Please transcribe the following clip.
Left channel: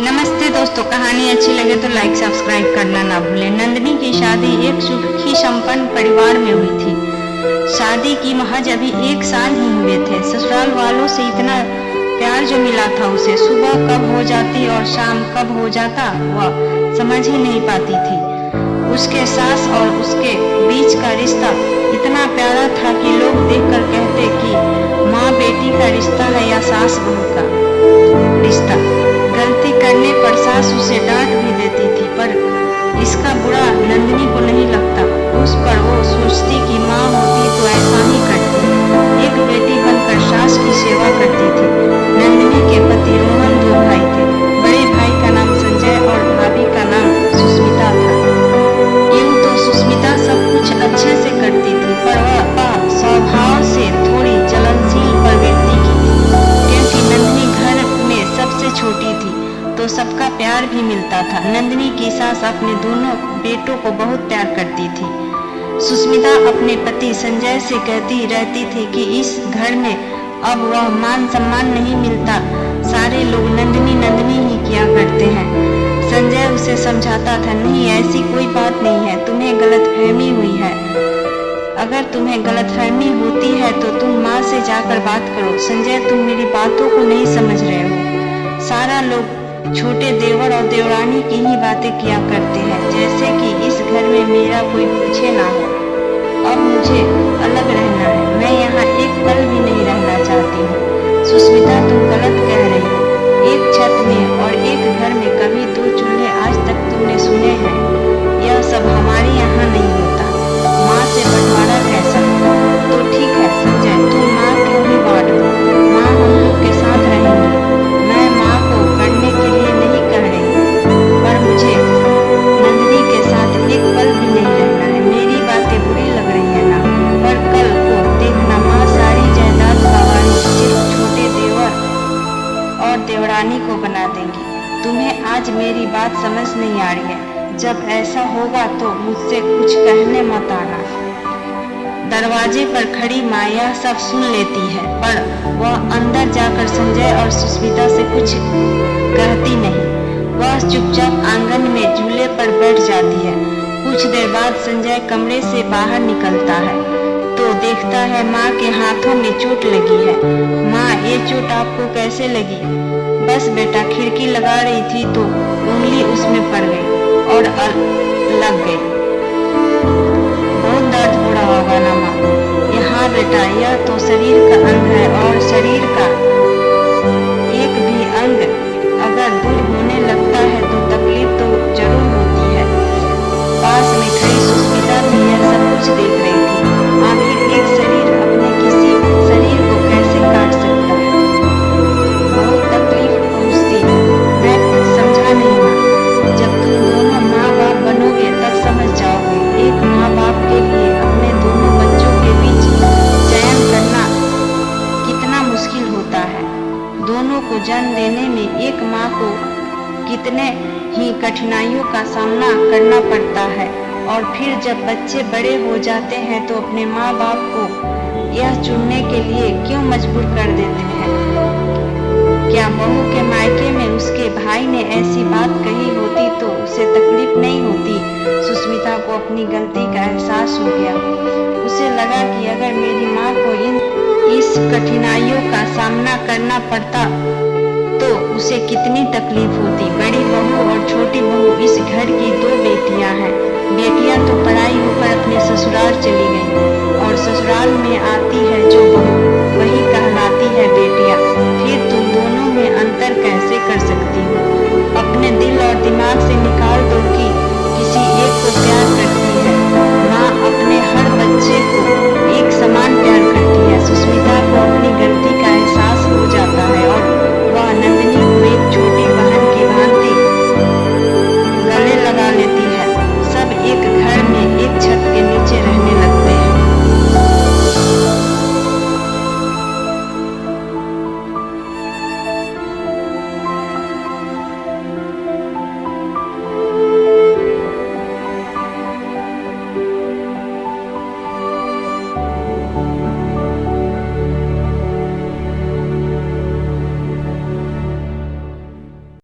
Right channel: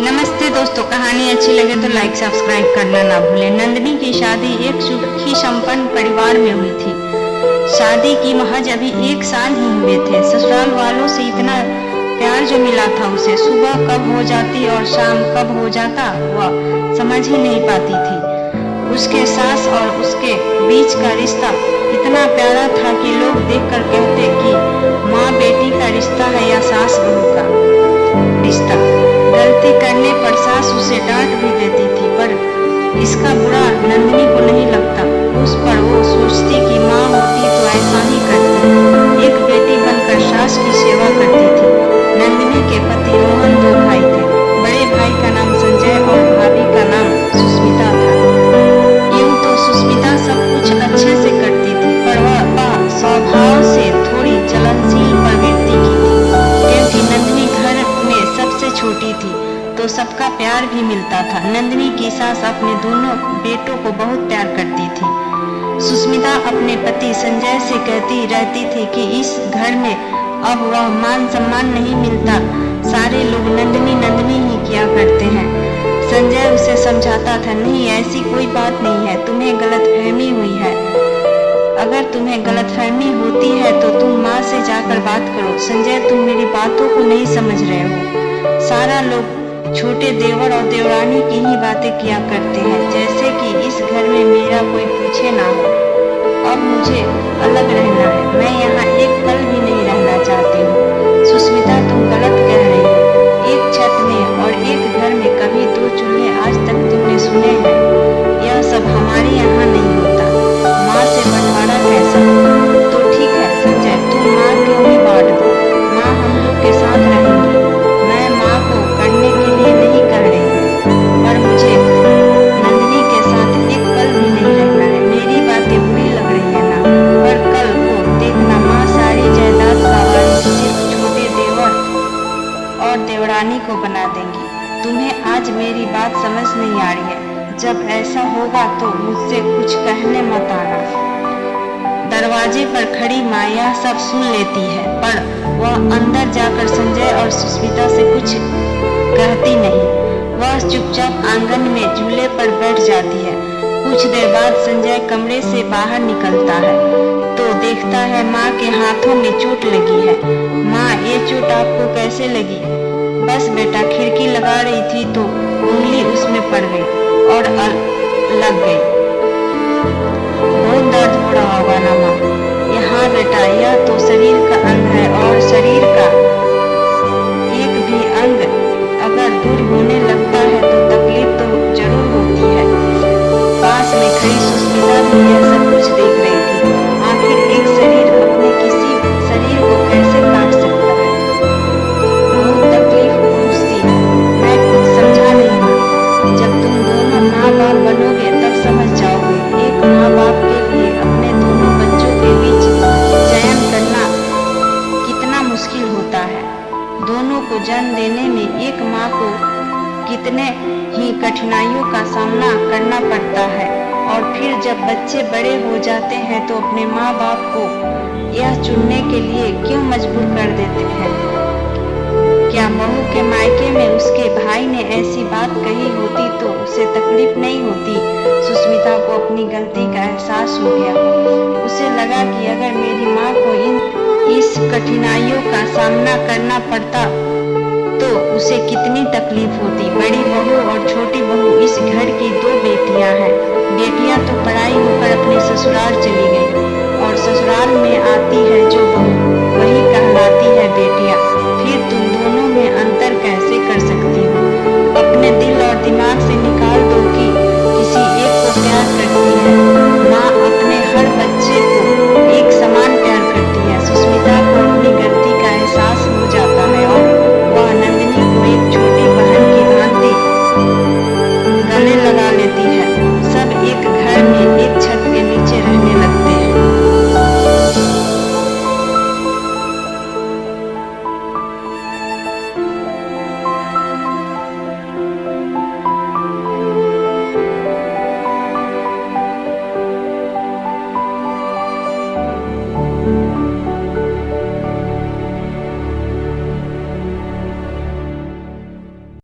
नमस्ते दोस्तों, कहानी अच्छी लगे तो लाइक सब्सक्राइब करना ना भूलें। नंदिनी की शादी एक सुखी संपन्न परिवार में हुई थी। शादी की महज अभी 1 साल ही हुए थे। ससुराल वालों से इतना प्यार जो मिला था उसे, सुबह कब हो जाती और शाम कब हो जाता वह समझ ही नहीं पाती थी। उसके सास और उसके बीच का रिश्ता इतना प्यारा था कि लोग देखकर कहते कि माँ बेटी का रिश्ता है या सास बहू का रिश्ता। गलती करने पर सास उसे डांट भी देती थी, पर इसका बुरा नंदिनी को नहीं लगता। उस पर वो सोचती कि माँ होती तो ऐसा ही करती। एक बेटी बनकर सास की सेवा करती थी। नंदिनी के पति रोहन 2 भाई थे। बड़े भाई का नाम संजय और भाभी का नाम सुस्मिता था। यूं तो सुस्मिता सब कुछ अच्छे से करती थी, पर वह स्वभाव से थोड़ी जलनशील प्रवृत्ति की थी। क्योंकि नंदिनी घर में सबसे छोटी थी तो सबका प्यार भी मिलता था। नंदिनी की सास अपने दोनों बेटों को बहुत प्यार करती थी। सुस्मिता अपने पति संजय से कहती रहती थी कि इस घर में अब वह मान सम्मान नहीं मिलता, सारे लोग नंदिनी नंदिनी ही किया करते हैं। संजय उसे समझाता था, नहीं ऐसी कोई बात नहीं है, तुम्हें गलतफहमी हुई है। अगर तुम्हें गलतफहमी होती है तो तुम माँ से जाकर बात करो। संजय, तुम मेरी बातों को नहीं समझ रहे हो। सारा लोग छोटे देवर और देवरानी की ही बातें किया करते हैं, जैसे कि इस घर में मेरा कोई पूछे ना हो। अब मुझे अलग रहना है, मैं यहाँ एक पल भी नहीं रहना चाहती हूँ। सुस्मिता, तुम गलत कह रही हो। एक छत में और एक घर में कभी 2 चूल्हे आज तक तुमने सुने हैं? यह सब हमारे यहाँ नहीं होता। माँ से बंटवारा कैसा? तो ठीक है संजय, तुम माँ क्यों ही बांट दो, माँ हम लोग के साथ रहेंगी। मैं माँ को करने के लिए नहीं कह रही हूँ, पर मुझे नंदिनी के साथ एक पल भी नहीं रहना है। मेरी बातें बुरी लग रही है ना, पर कल को देखना माँ सारी जायदाद का वारिस सिर्फ छोटे देवर और देवरानी को बना देंगी। तुम्हें आज मेरी बात समझ नहीं आ रही है। जब ऐसा होगा तो मुझसे कुछ कहने मत आना। दरवाजे पर खड़ी माँ यह सब सुन लेती है, पर वह अंदर जाकर संजय और सुस्मिता से कुछ कहती नहीं। वह चुपचाप आंगन में झूले पर बैठ जाती है। कुछ देर बाद संजय कमरे से बाहर निकलता है तो देखता है माँ के हाथों में चोट लगी है। माँ, ये चोट आपको कैसे लगी? बस बेटा, खिड़की लगा रही थी तो उंगली उसमें पड़ गई और लग गई। बहुत दर्द हो रहा होगा ना माँ? हाँ बेटा, यह तो शरीर का अंग है और शरीर का एक भी अंग अगर दूर होने लगता है तो तकलीफ तो जरूर होती है। पास में खड़ी सुस्मिता भी यह सब कुछ देख रही थी। आखिर एक शरीर अपने किसी शरीर को कैसे काट सकता है? बहुत तकलीफ पहुँचती है, मैं कुछ समझा नहीं माँ। जब तुम दोनों माँ बाप बनोगे तब समझ जाओगे। एक माँ बाप के लिए अपने दोनों बच्चों के बीच चयन करना कितना मुश्किल होता है। दोनों को जन्म देने में एक माँ को कितने ही कठिनाइयों का सामना करना पड़ता है, और फिर जब बच्चे बड़े हो जाते हैं तो अपने माँ बाप को यह चुनने के लिए क्यों मजबूर कर देते हैं? क्या बहू के मायके में उसके भाई ने ऐसी बात कही होती तो उसे तकलीफ नहीं होती? सुस्मिता को अपनी गलती का एहसास हो गया। उसे लगा कि अगर मेरी माँ को इस कठिनाइयों का सामना करना पड़ता तो उसे कितनी तकलीफ होती। बड़ी बहू और छोटी बहू इस घर की 2 बेटियां हैं। बेटियां तो पढ़ाई होकर अपने ससुराल चली गई और ससुराल में आती है जो बहू, वही कहलाती है बेटियां। फिर तुम दोनों में अंतर कैसे कर सकती हो? अपने दिल और दिमाग से